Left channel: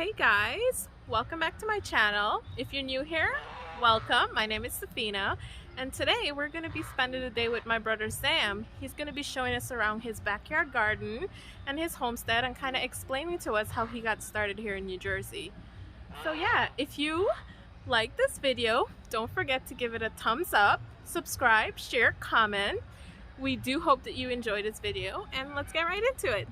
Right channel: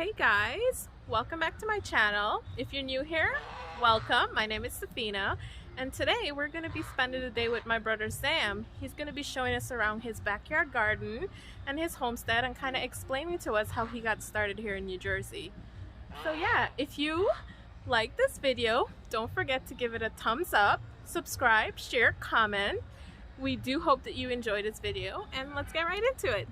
Hey guys, welcome back to my channel. If you're new here, welcome. My name is Safiena, and today we're going to be spending the day with my brother Zam. He's going to be showing us around his backyard garden and his homestead and kind of explaining to us how he got started here in New Jersey. So yeah, if you like this video, don't forget to give it a thumbs up, subscribe, share, comment. We do hope that you enjoyed this video, and let's get right into it.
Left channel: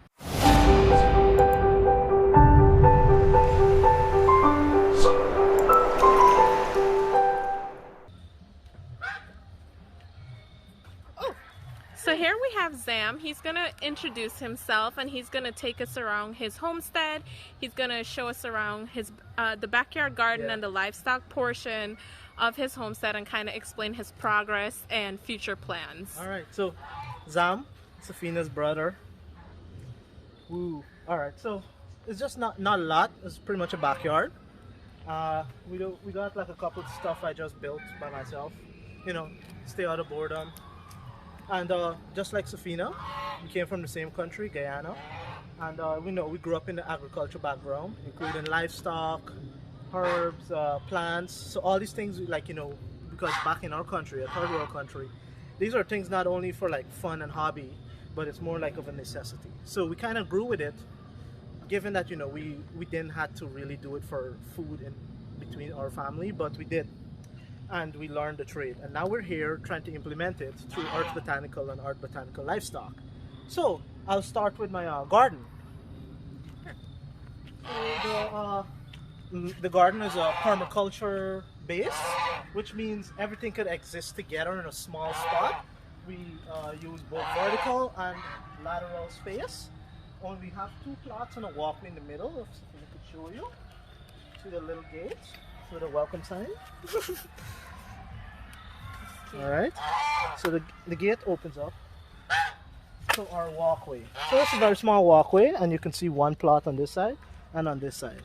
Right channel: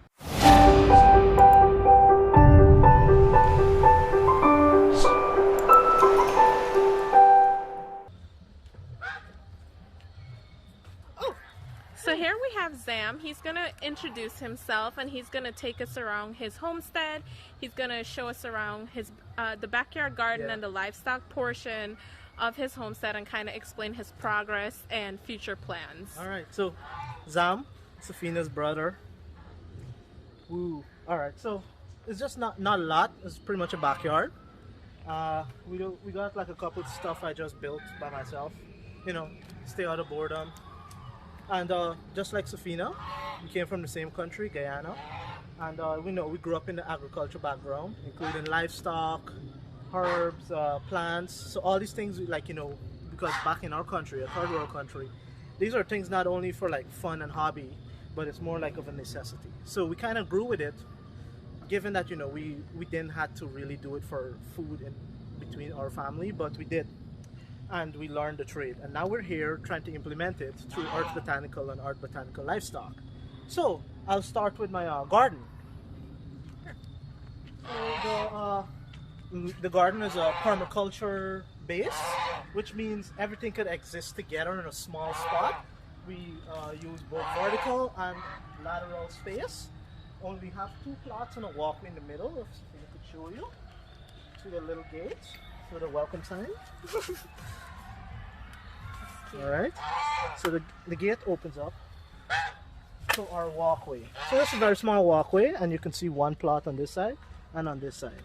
So here we have Zam. He's going to introduce himself and he's going to take us around his homestead. He's going to show us around his the backyard garden and the livestock portion of his homestead and kind of explain his progress and future plans. Alright, so Zam, Safiena's brother. Woo. Alright, so it's just not a lot. It's pretty much a backyard. We got like a couple of stuff I just built by myself. You know, stay out of boredom. And just like Safiena, we came from the same country, Guyana, and we grew up in the agriculture background, including livestock, herbs, plants. So all these things, like, you know, because back in our country, a third world country, these are things not only for like fun and hobby, but it's more like of a necessity. So we kind of grew with it, given that, you know, we didn't have to really do it for food in between our family, but we did. And we learned the trade, and now we're here trying to implement it through Art Botanical and Art Botanical Livestock. So I'll start with my garden. So the garden is a permaculture base, which means everything could exist together in a small spot. We use both vertical and lateral space. Only we have two plots and a walkway in the middle. If I could show you to the little gate with a welcome sign. Alright, so the gate opens up to our walkway. So this is a very small walkway, and you can see one plot on this side and on this side,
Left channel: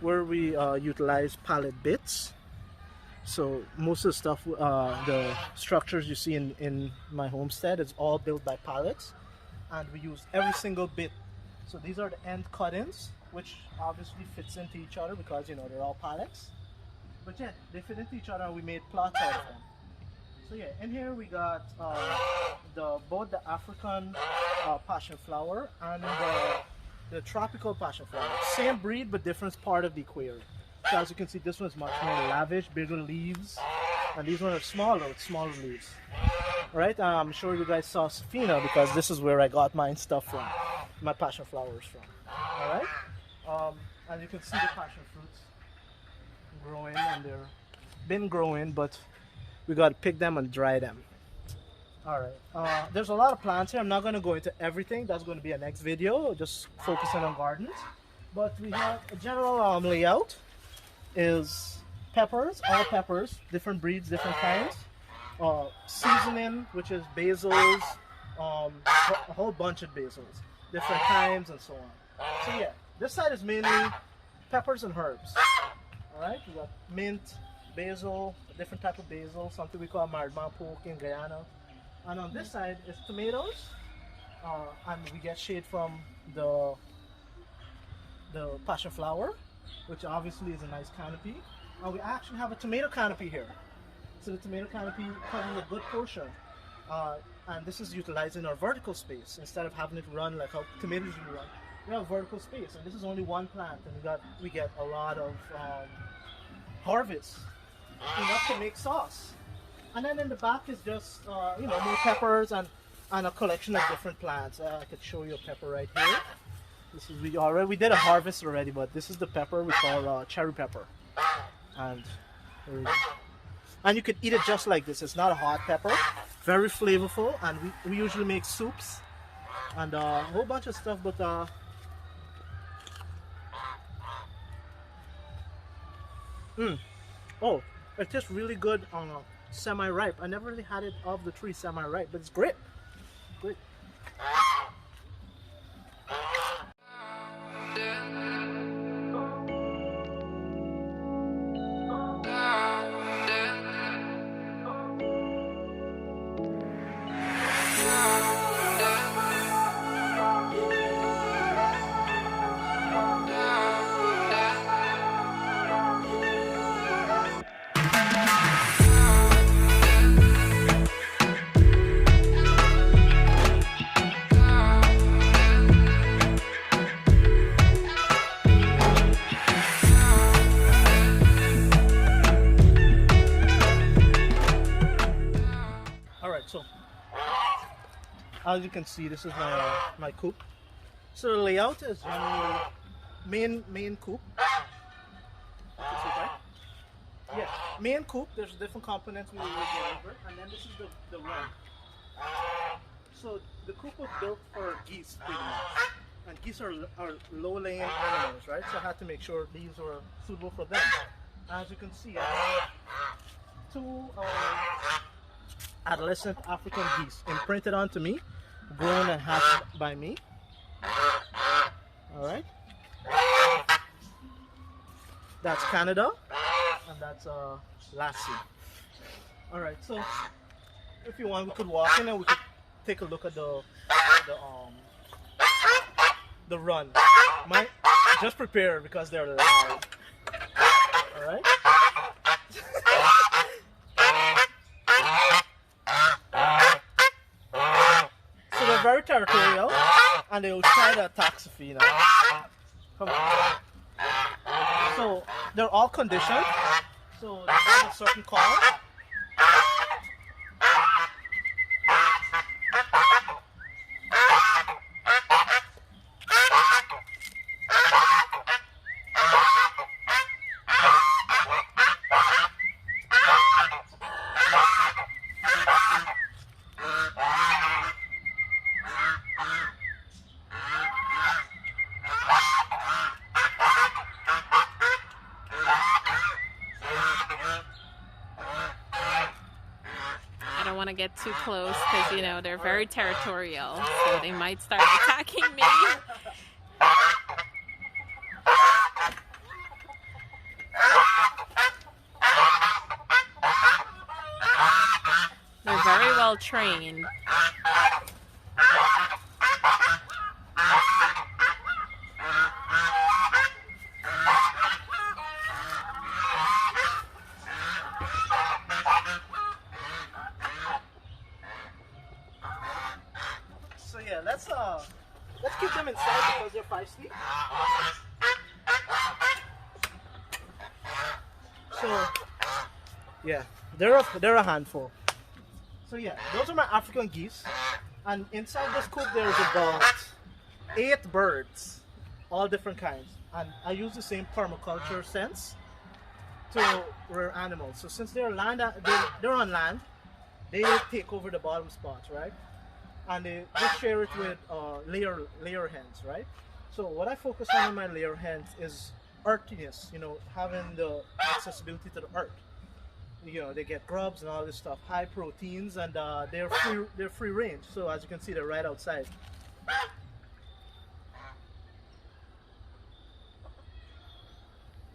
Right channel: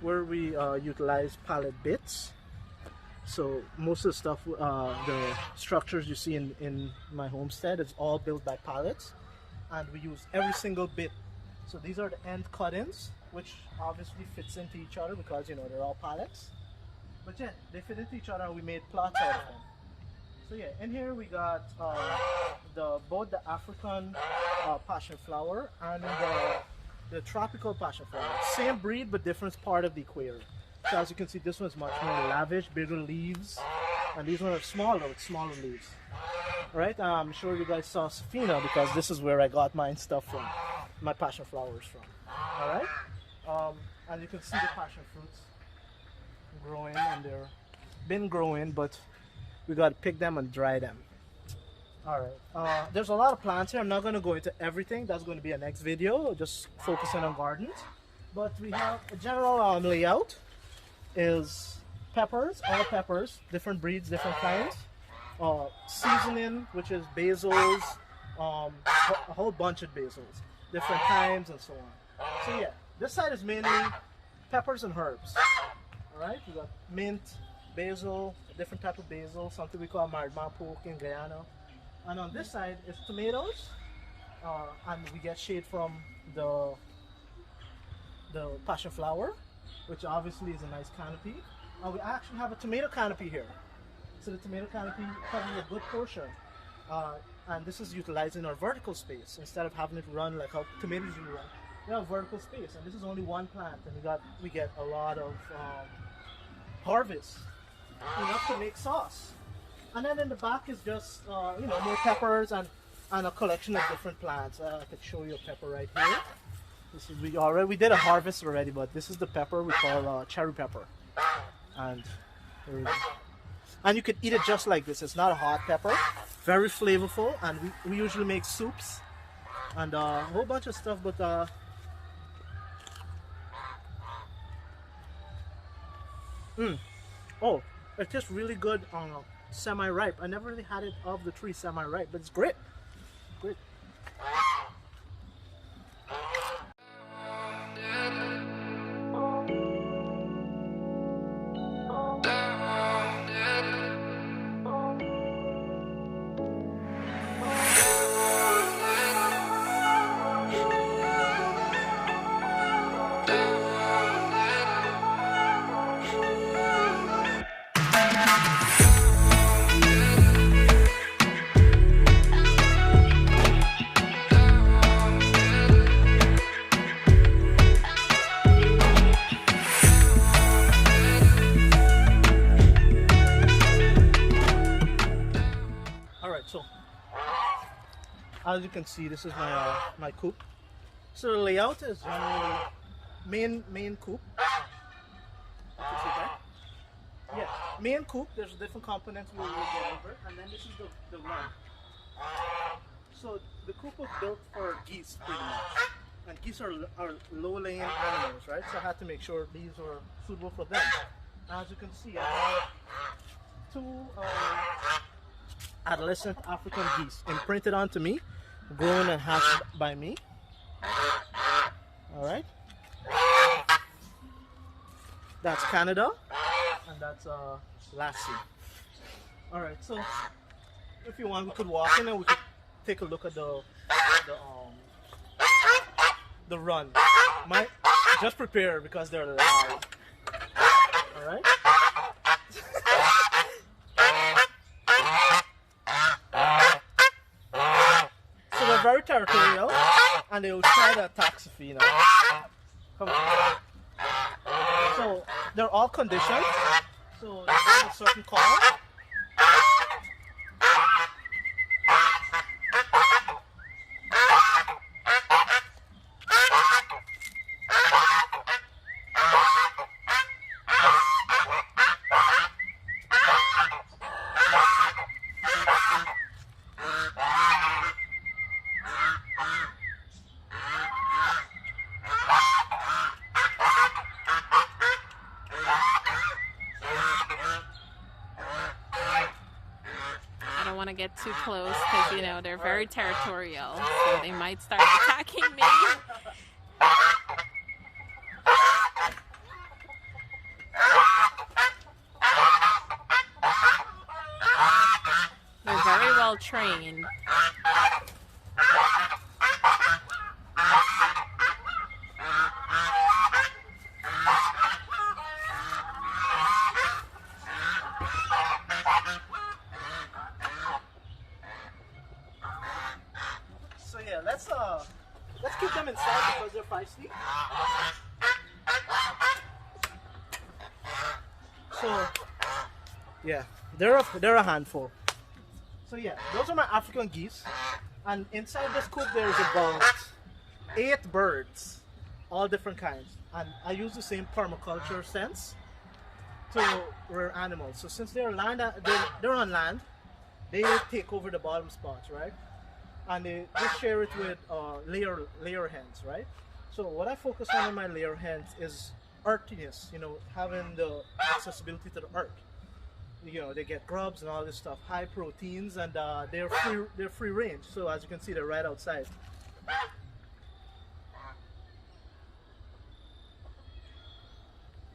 where we utilize pallet bits. So most of the stuff, the structures you see in my homestead is all built by pallets, and we use every single bit. So these are the end cut-ins, which obviously fits into each other because, you know, they're all pallets. But yeah, they fit into each other and we made plots out of them. So yeah, in here we got both the African passion flower and the tropical passion flower. Same breed but different part of the equator. So as you can see, this one is much more lavish, bigger leaves, and these ones are smaller with smaller leaves. Right? I'm sure you guys saw Safiena because this is where I got my stuff from, my passion flowers from. Alright? And you can see the passion fruits growing, and they're been growing, but we got to pick them and dry them. Alright, there's a lot of plants here. I'm not going to go into everything. That's going to be a next video, just focusing on gardens. But we have a general layout is peppers, all peppers, different breeds, different kinds. Seasoning, which is basils, a whole bunch of basils, different kinds and so on. So yeah, this side is mainly peppers and herbs. Alright, we got mint, basil, a different type of basil, something we call marmapoke in Guyana. And on this side is tomatoes, and we get shade from the passion flower, which obviously is a nice canopy. And we actually have a tomato canopy here. So the tomato canopy covers a good portion. And this is utilizing our vertical space instead of having it run like how tomatoes usually run. We have vertical space, and this is only one plant, and we get a lot of harvest, enough to make sauce. And then in the back is just you know, more peppers and a collection of different plants. I could show you a pepper right here. This is we did a harvest already, but this is the pepper we call cherry pepper, and you could eat it just like this. It's not a hot pepper, very flavorful, and we usually make soups and a whole bunch of stuff. But oh, it tastes really good on semi-ripe. I never really had it off the tree semi-ripe, but it's great. Great. As you can see, this is my coop. So the layout is generally main coop. Yeah, main coop. There's different components we will get over it, and then this is the run. So the coop was built for geese, pretty much. And geese are low-laying animals, right? So I had to make sure these were suitable for them. As you can see, I have two adolescent African geese imprinted onto me, grown and hatched by me. All right. That's Canada, and that's Lassie. All right. So if you want, we could walk in and we could take a look at the run. Just prepare because they're loud. All right. So they're very territorial, and they will try to attack Safiena. Come on. So they're all conditioned. So they have a certain call. I don't want to get too close because, you know, they're very territorial, so they might start attacking me. They're very well trained. So yeah, let's keep them inside because they're feisty. So yeah, they're a handful. So yeah, those are my African geese, and inside this coop there's about 8 birds, all different kinds. And I use the same permaculture sense to rear animals. So since they're they're on land, they take over the bottom spots, right? And they share it with layer hens, right? So what I focus on in my layer hens is earthiness, you know, having the accessibility to the earth. You know, they get grubs and all this stuff, high proteins, and they're free range. So as you can see, they're right outside.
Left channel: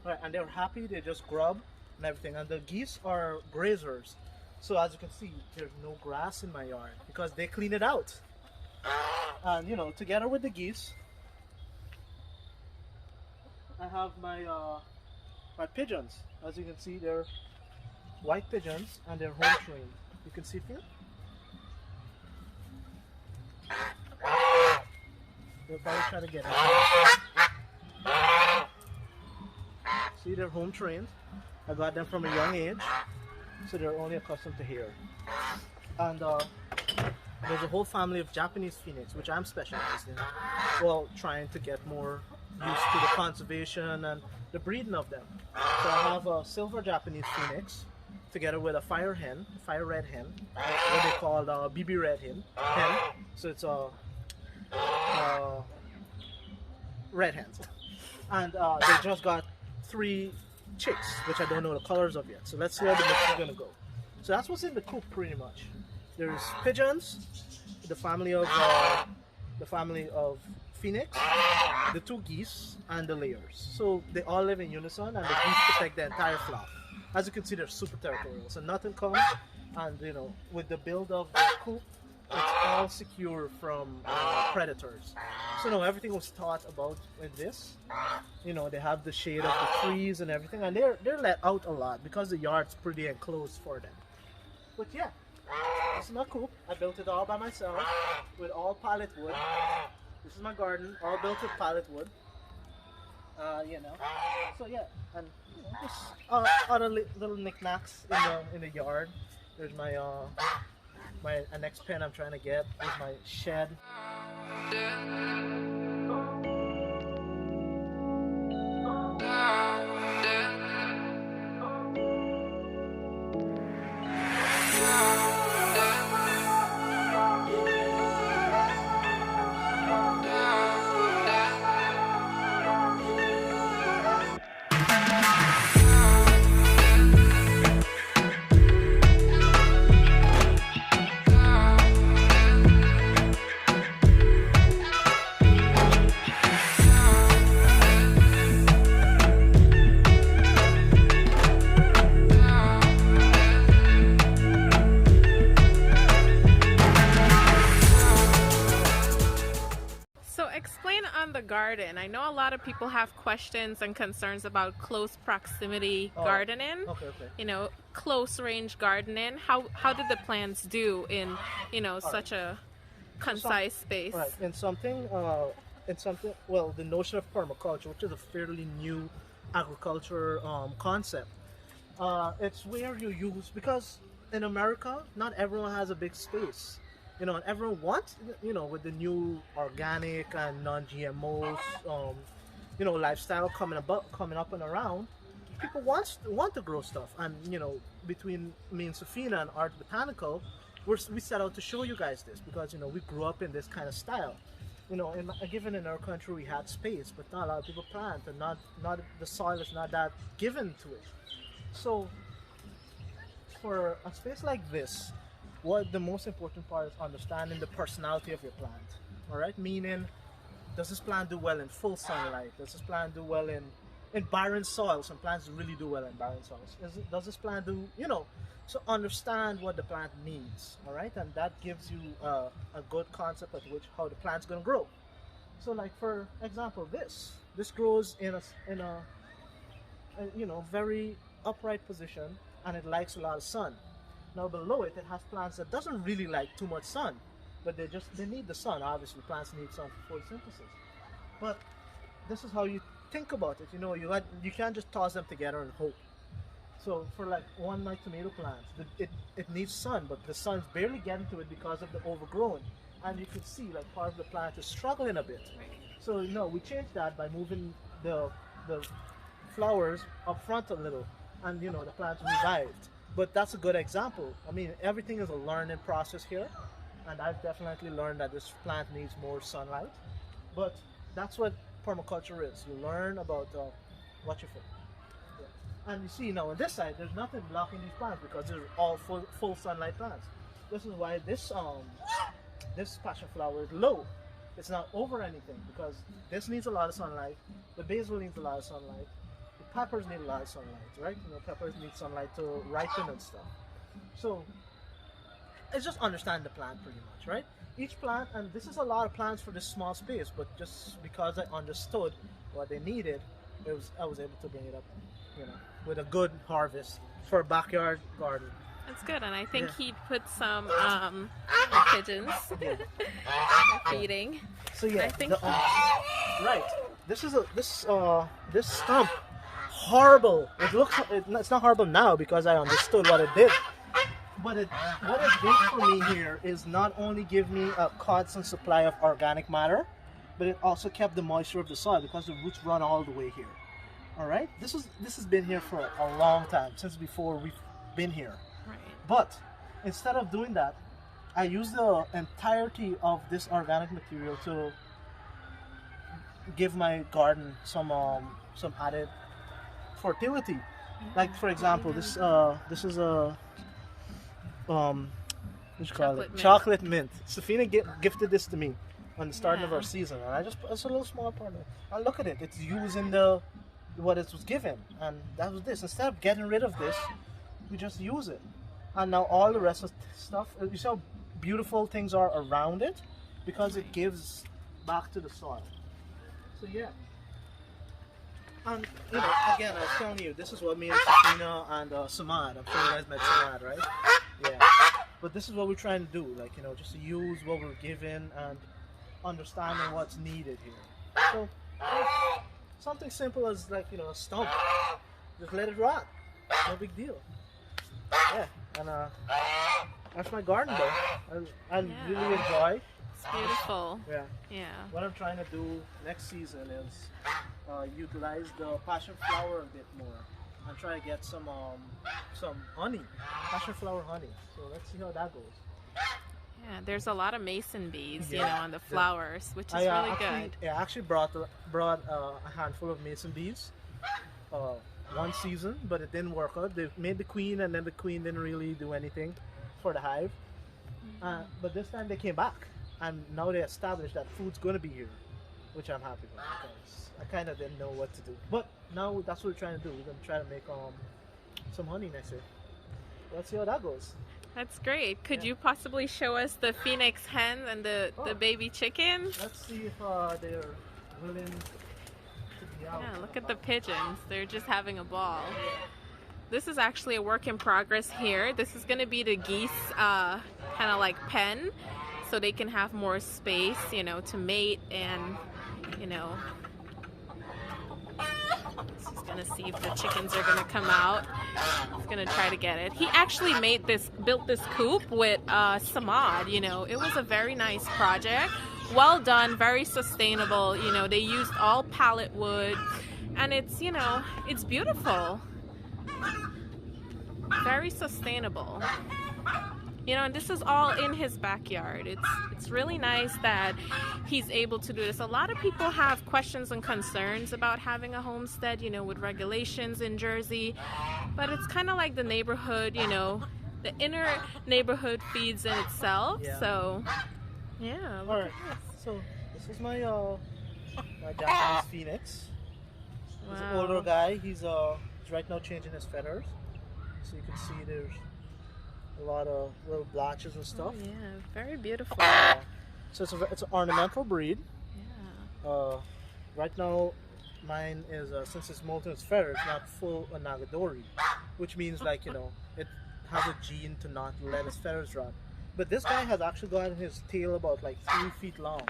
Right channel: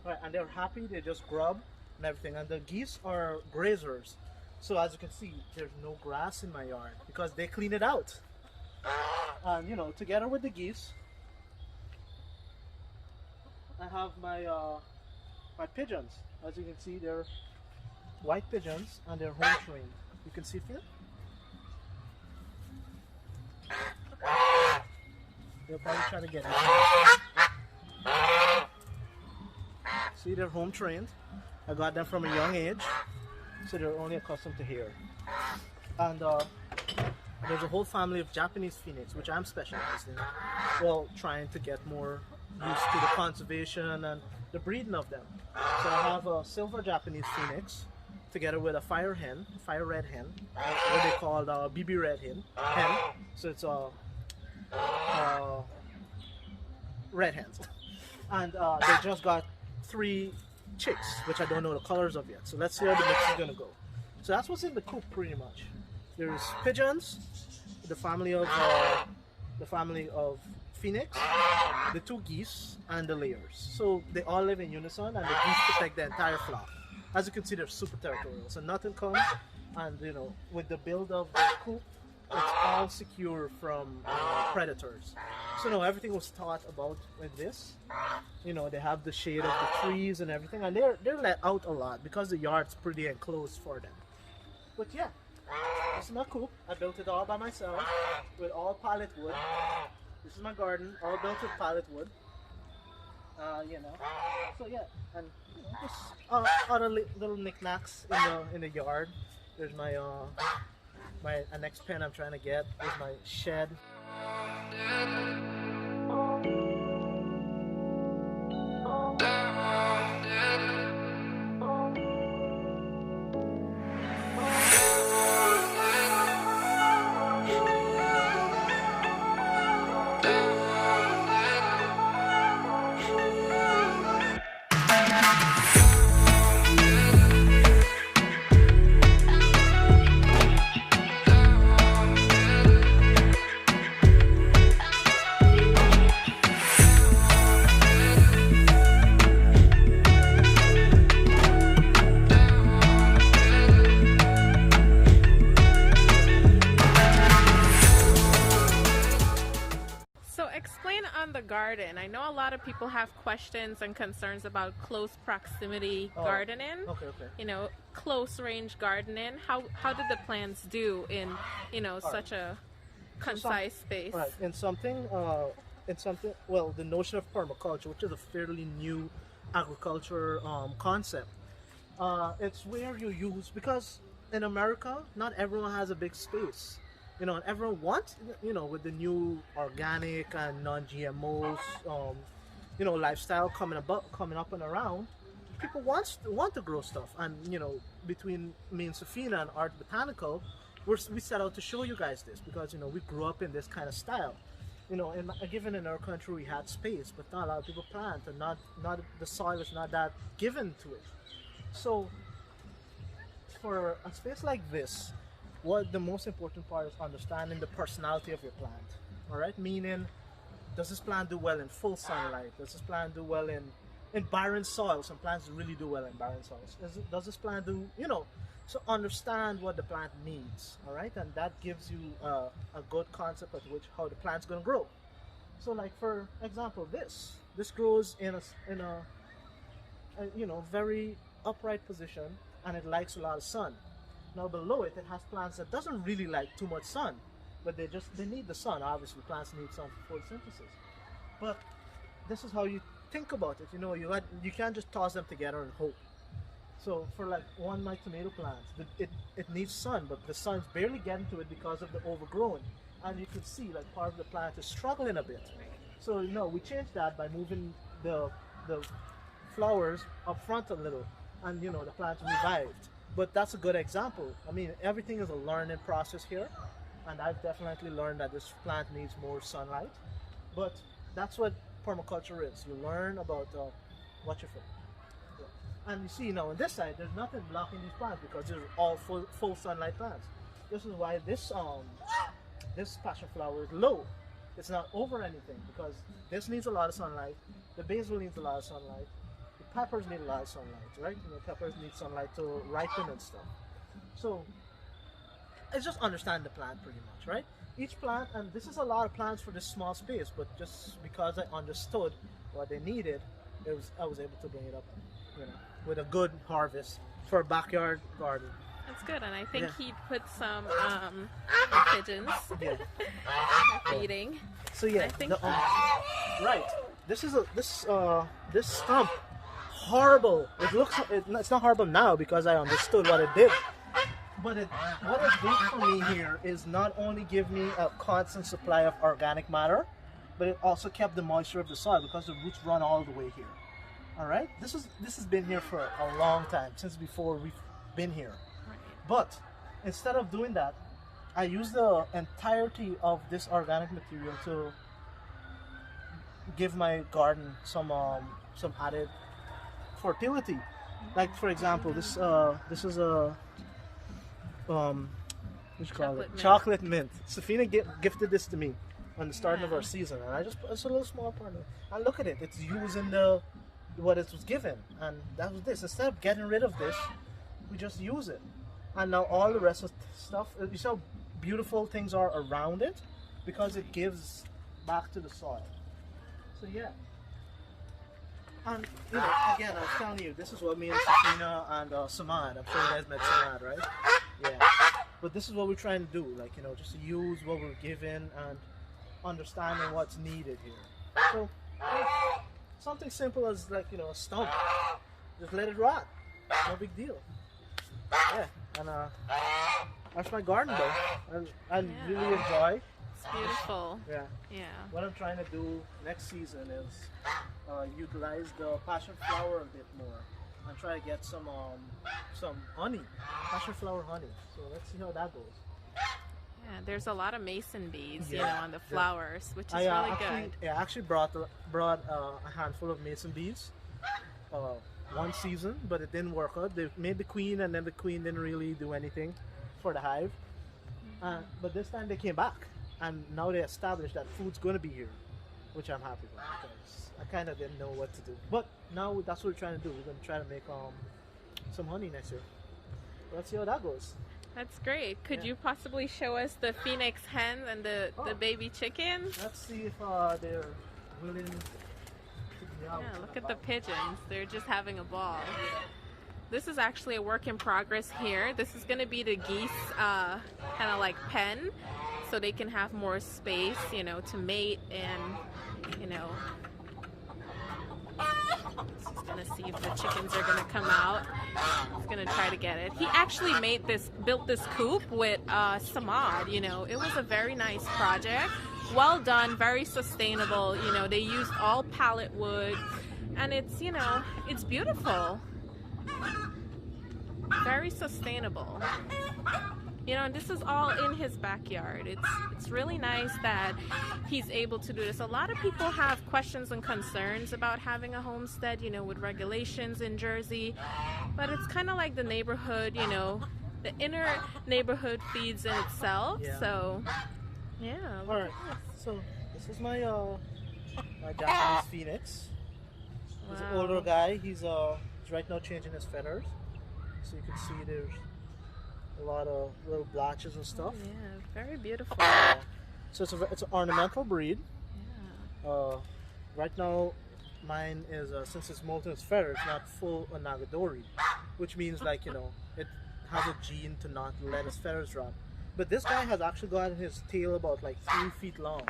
Right, and they're happy. They just grub and everything. And the geese are grazers. So as you can see, there's no grass in my yard because they clean it out. And you know, together with the geese, I have my pigeons. As you can see, they're white pigeons and they're home trained. You can see here. They're probably trying to get it. See, they're home trained. I got them from a young age, so they're only accustomed to here. And there's a whole family of Japanese phoenix, which I'm specialized in. Well, trying to get more used to the conservation and the breeding of them. So I have a silver Japanese phoenix together with a fire red hen, what they call BB red hen. So it's red hens. And they just got 3 chicks, which I don't know the colors of yet. So let's see how the mix is gonna go. So that's what's in the coop pretty much. There's pigeons, the family of phoenix, the 2 geese, and the layers. So they all live in unison, and the geese protect the entire flock. As you can see, they're super territorial, so nothing comes. And you know, with the build of the coop, it's all secure from predators. So no, everything was thought about with this. You know, they have the shade of the trees and everything, and they're let out a lot because the yard's pretty enclosed for them. But yeah, this is my coop. I built it all by myself with all pallet wood. This is my garden, all built with pallet wood. You know, so yeah, and you know, just other little knickknacks in the yard. There's my My next pen I'm trying to get is my shed. So explain on the garden. I know a lot of people have questions and concerns about close proximity gardening. Okay. You know, close range gardening. How did the plants do in, you know, such a concise space? Right. In something, well, the notion of permaculture, which is a fairly new agriculture concept. It's where you use, because in America, not everyone has a big space. You know, and everyone wants, you know, with the new organic and non-GMOs, you know, lifestyle coming up and around, people want to grow stuff. And you know, between me and Safiena and Art Botanical, we set out to show you guys this because, you know, we grew up in this kind of style. You know, given in our country we had space, but not a lot of people plant, and not the soil is not that given to it. So for a space like this, what the most important part is understanding the personality of your plant. All right, meaning, does this plant do well in full sunlight? Does this plant do well in barren soil? Some plants really do well in barren soils. Does this plant do, you know? So understand what the plant needs. All right, and that gives you a good concept of how the plant's going to grow. So, like for example, this grows in a you know, very upright position, and it likes a lot of sun. Now below it has plants that doesn't really like too much sun, but they need the sun. Obviously, plants need sun for photosynthesis. But this is how you think about it. You know, you can't just toss them together and hope. So for like one of my tomato plants, it needs sun, but the sun's barely getting to it because of the overgrown, and you could see like part of the plant is struggling a bit. So you know, we changed that by moving the flowers up front a little, and you know, the plant revived. But that's a good example. I mean, everything is a learning process here, and I've definitely learned that this plant needs more sunlight. But that's what permaculture is. You learn about what you feel. Yeah. And you see now on this side, there's nothing blocking these plants because they're all full sunlight plants. This is why this passion flower is low. It's not over anything because this needs a lot of sunlight. The basil needs a lot of sunlight. Peppers need a lot of sunlight, right? You know, peppers need sunlight to ripen and stuff. So it's just understand the plant pretty much, right? Each plant, and this is a lot of plants for this small space, but just because I understood what they needed, I was able to bring it up, you know, with a good harvest for a backyard garden. That's good, and I think he put some pigeons feeding. So yeah, I think right. This stump. Horrible. It's not horrible now because I understood what it did. But what it did for me here is not only give me a constant supply of organic matter, but it also kept the moisture of the soil because the roots run all the way here. All right. This has been here for a long time, since before we've been here. But instead of doing that, I use the entirety of this organic material to give my garden some added fertility. Like for example, this is a chocolate mint. Safiena gifted this to me on the start of our season, and it's a little small part of it. And look at it, it's using what it was given, and that was this. Instead of getting rid of this, we just use it, and now all the rest of stuff. You see how beautiful things are around it because it gives back to the soil. So yeah. And you know, again, I was telling you, this is what me and Safiena and Samad. I'm sure you guys met Samad, right? Yeah. But this is what we're trying to do, like, you know, just to use what we're given and understanding what's needed here. So something simple as, like, you know, a stump. Just let it rot. No big deal. Yeah. And That's my garden though. I Yeah. really enjoy. It's beautiful. Yeah. Yeah. What I'm trying to do next season is utilize the passion flower a bit more and try to get some honey, passion flower honey. So let's see how that goes. Yeah, there's a lot of mason bees, you Yeah. know, on the flowers, which is I really actually, good. I actually brought a handful of mason bees one season, but it didn't work out. They made the queen, and then the queen didn't really do anything for the hive. But this time they came back, and now they established that food's going to be here, which I'm happy about because I kind of didn't know what to do. But now that's what we're trying to do. We're going to try to make some honey next year. Let's see how that goes. That's great. Could Yeah. you possibly show us the phoenix hen and the baby chickens? Let's see if they're willing to be out. Yeah, look at the pigeons. They're just having a ball. This is actually a work in progress here. This is going to be the geese kind of like pen, so they can have more space, you know, to mate and, you know. He's going to see if the chickens are going to come out. He's going to try to get it. He actually built this coop with Zam'S, you know. It was a very nice project. Well done, very sustainable. You know, they used all pallet wood, and it's, you know, it's beautiful. Very sustainable. You know, and this is all in his backyard. It's really nice that he's able to do this. A lot of people have questions and concerns about having a homestead, you know, with regulations in Jersey. But it's kind of like the neighborhood, you know, the inner neighborhood feeds in itself. Yeah. So, yeah. All right. So this is my my Japanese phoenix. He's an older guy. He's right now changing his feathers. So you can see there's a lot of little blotches and stuff. Oh, yeah, very beautiful. So it's an ornamental breed. Yeah. Right now, mine is since it's molting its feathers, it's not full Nagadori, which means like you know it has a gene to not let his feathers drop. But this guy has actually gotten his tail about like 3 feet long,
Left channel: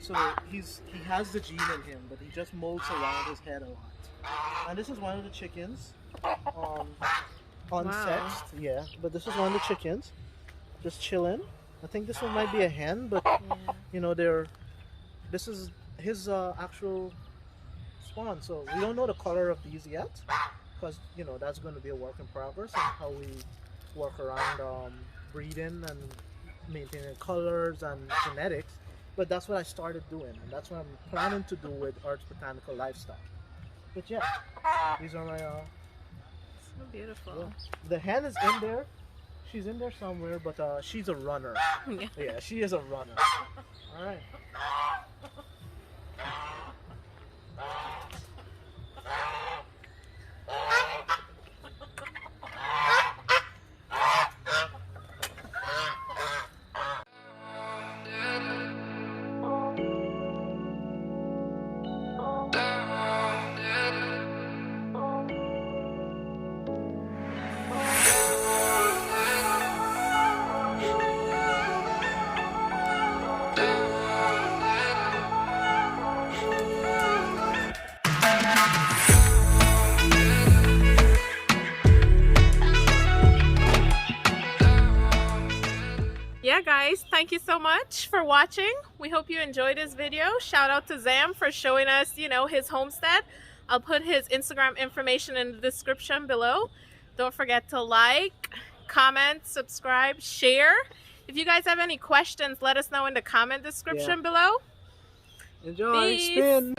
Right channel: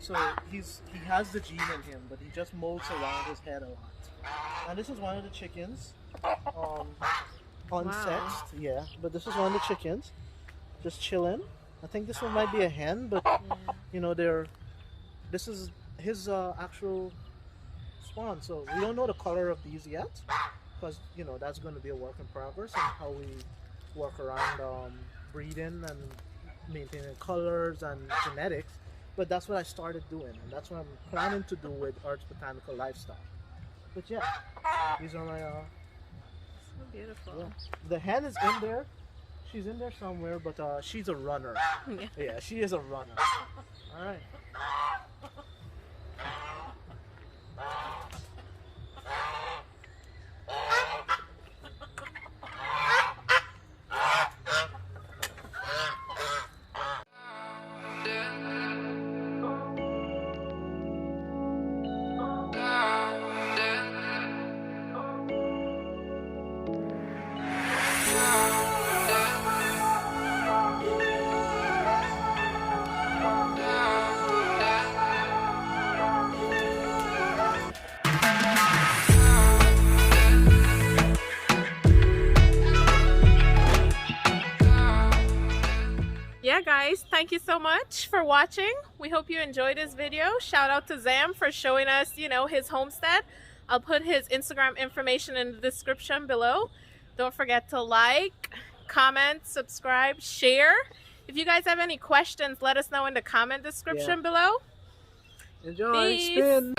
so he has the gene in him, but he just molts around his head a lot. And this is one of the chickens. Unsexed, yeah, but this is one of the chickens just chilling. I think this one might be a hen, but you know this is his actual spawn, so we don't know the color of these yet because you know that's going to be a work in progress and how we work around breeding and maintaining colors and genetics. But that's what I started doing, and that's what I'm planning to do with Arts Botanical Livestock. But yeah, these are my So beautiful. yeah. The hen is in there. She's in there somewhere, but she's a runner. Yeah, she is a runner. All right. Yeah, guys, thank you so much for watching. We hope you enjoyed this video. Shout out to Zam for showing us, you know, his homestead. I'll put his Instagram information in the description below. Don't forget to like, comment, subscribe, share. If you guys have any questions, let us know in the comment description below. Enjoy. Peace. Spin.